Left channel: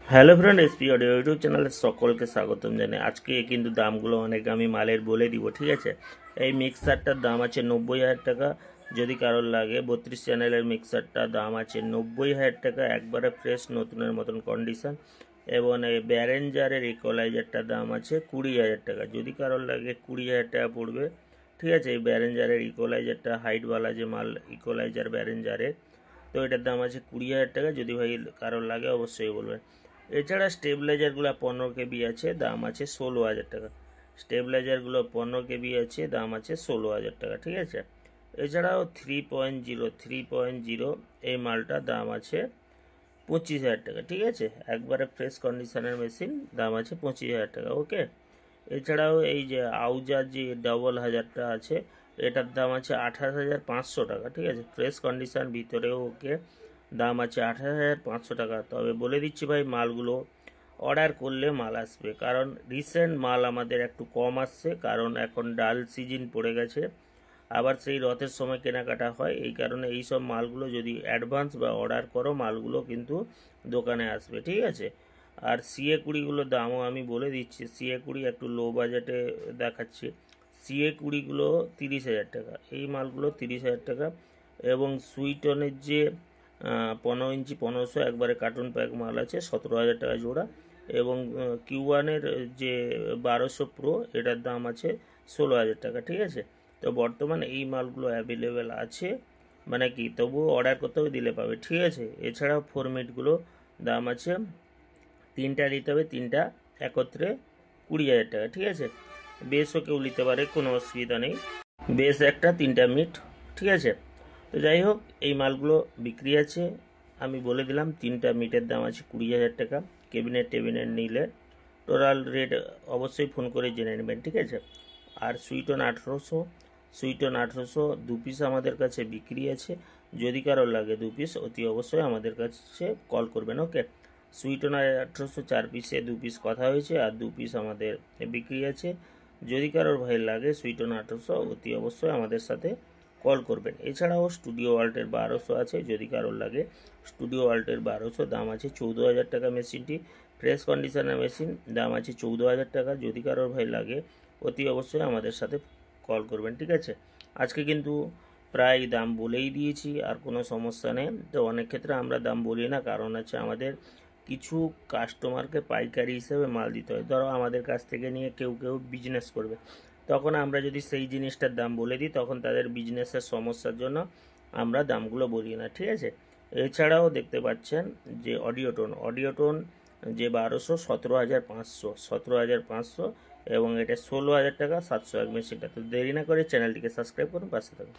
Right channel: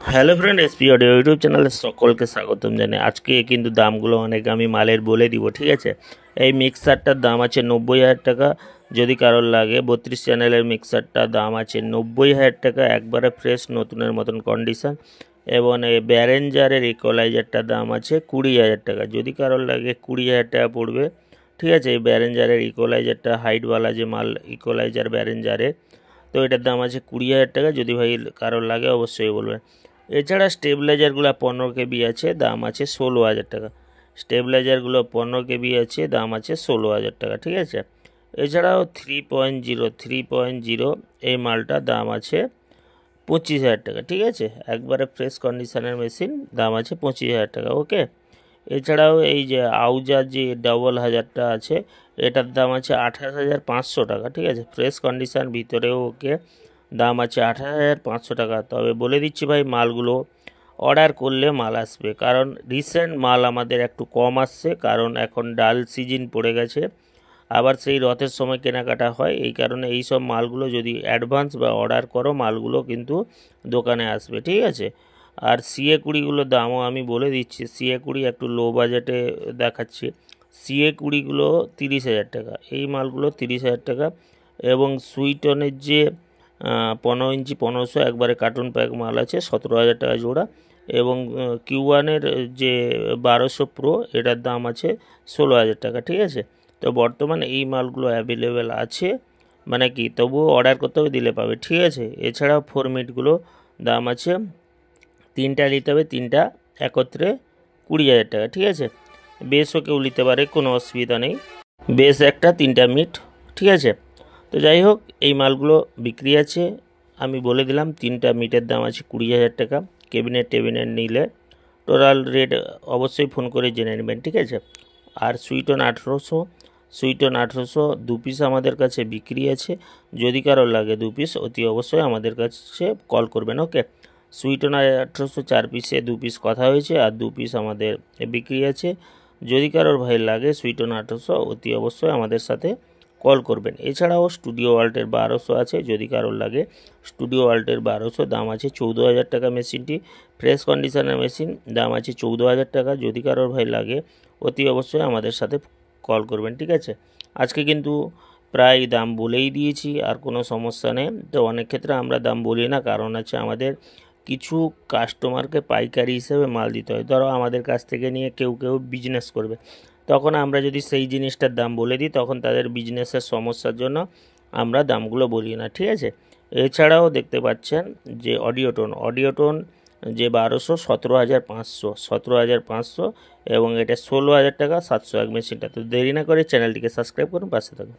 Hello friend, SP audio YouTube চ্যানেলে সকলকে স্বাগতম জানাই। আজকে কিন্তু দামগুলো অনেক আমি মালের বলে দিব, ঠিক আছে। এই মিক্সারটার দাম আছে 90,000 টাকা। যদি কারোর লাগে 32 চ্যানেলের মিক্সারটার দাম আছে 90,000 টাকা, একবারে ফ্রেশ নতুনের মতন কন্ডিশন। এবং এই ব্যারেঞ্জারের ইকোলাইজারটার দাম আছে 20,000 টাকা। যদি কারোর লাগে 20,000 টাকা পড়বে, ঠিক আছে। এই ব্যারেঞ্জারের ইকোলাইজারটা হাইটওয়ালা যে মাল ইকোলাইজার ব্যারেঞ্জারের, তো এটার দাম আছে 20,000 টাকা। যদি ভাই কারোর লাগে অবশ্যই বলবেন। এছাড়া স্টেবিলাইজারগুলো 15 KB আছে, দাম আছে 16,000 টাকা। স্টেবিলাইজারগুলো 15 KB আছে, দাম আছে 16,000 টাকা, ঠিক আছে। এছাড়াও 3.0 এই মালটার দাম আছে 25,000 টাকা, ঠিক আছে। একবারে ফ্রেশ কন্ডিশনের মেশিন, দাম আছে 25,000 টাকা, ওকে। এছাড়াও এই যে আউজার যে 1000টা আছে, এটার দাম আছে 28,500 টাকা, ঠিক আছে। ফ্রেশ কন্ডিশন ভিতরেও, ওকে। দাম আছে 28,500 টাকা। তবে বলে দিচ্ছি ভাই, মালগুলো অর্ডার করলে মাল আসবে, কারণ রিসেন্ট মাল আমাদের একটু কম আসছে, কারণ এখন ডাল সিজন পড়ে গেছে। আবার সেই রথের সময় কেনাকাটা হয়, এই কারণে এই সব মালগুলো যদি অ্যাডভান্স বা অর্ডার করো, মালগুলো কিন্তু দোকানে আসবে, ঠিক আছে। আর সিএ কুড়িগুলোর দামও আমি বলে দিচ্ছি। সিএ কুড়ি একটু লো বাজেটে দেখাচ্ছি। সিএ কুড়িগুলো 30,000 টাকা, এই মালগুলো 30,000 টাকা। এবং সুইটনের যে 15 ইঞ্চি 1500 একবারে কার্টুন প্যাক মাল আছে 17,000 টাকা জোড়া। এবং কিউ1-এর যে 1200 প্রো, এটার দাম আছে 16,000 টাকা, ঠিক আছে। তো বর্তমানে এই মালগুলো অ্যাভেলেবেল আছে, মানে কি, তবুও অর্ডার করতে হবে, দিলে পাবে, ঠিক আছে। এছাড়াও ফরমিটগুলো দাম আছে, তিনটা নিতে হবে, তিনটা একত্রে 20,000 টাকা, ঠিক আছে। বেশও কেউ নিতে পারে, কোনো অসুবিধা নেই। বেশ একটা, তিনটা মিট, ঠিক আছে। তো যাই হোক, এই মালগুলো বিক্রি আছে। আমি বলে দিলাম, তিনটা মিটের দাম আছে 20,000 টাকা। টেবিনেট নিলে টোটাল রেট অবশ্যই ফোন করে জেনে নেবেন, ঠিক আছে। আর সুইটন 1800 দু পিস আমাদের কাছে বিক্রি আছে। যদি কারো লাগে 2 পিস, অতি অবশ্যই আমাদের কাছে কল করবেন, ওকে। সুইটন 1800 4 পিসে 2 পিস কথা হয়েছে, আর 2 পিস আমাদের বিক্রি আছে। যদি কারোর ভাই লাগে সুইটন 1800, অতি অবশ্যই আমাদের সাথে কল করবেন। এছাড়াও স্টুডিও ওয়াল্টের 1200 আছে, যদি কারোর লাগে। স্টুডিও ওয়াল্টের 1200 দাম আছে 14,000 টাকা। মেশিনটি ফ্রেশ কন্ডিশনের মেশিন, দাম আছে 14,000 টাকা। যদি কারোর ভাই লাগে, অতি অবশ্যই আমাদের সাথে কল করবেন, ঠিক আছে। আজকে কিন্তু প্রায় দাম বলেই দিয়েছি, আর কোনো সমস্যা নেই। তো অনেক ক্ষেত্রে আমরা দাম বলি না, কারণ আছে আমাদের কিছু কাস্টমারকে পাইকারি হিসেবে মাল দিতে হয়। ধরো আমাদের কাছ থেকে নিয়ে কেউ বিজনেস করবে, তখন আমরা যদি সেই জিনিসটার দাম বলে দিই, তখন তাদের বিজনেসের সমস্যার জন্য আমরা দামগুলো বলি না, ঠিক আছে। এছাড়াও দেখতে পাচ্ছেন যে অডিওটোন যে 1200, 17,500 এবং এটা 16,000 টাকা 701 মেশিনটা। তো দেরি না করে চ্যানেলটিকে সাবস্ক্রাইব করুন, পাশে থাকুন।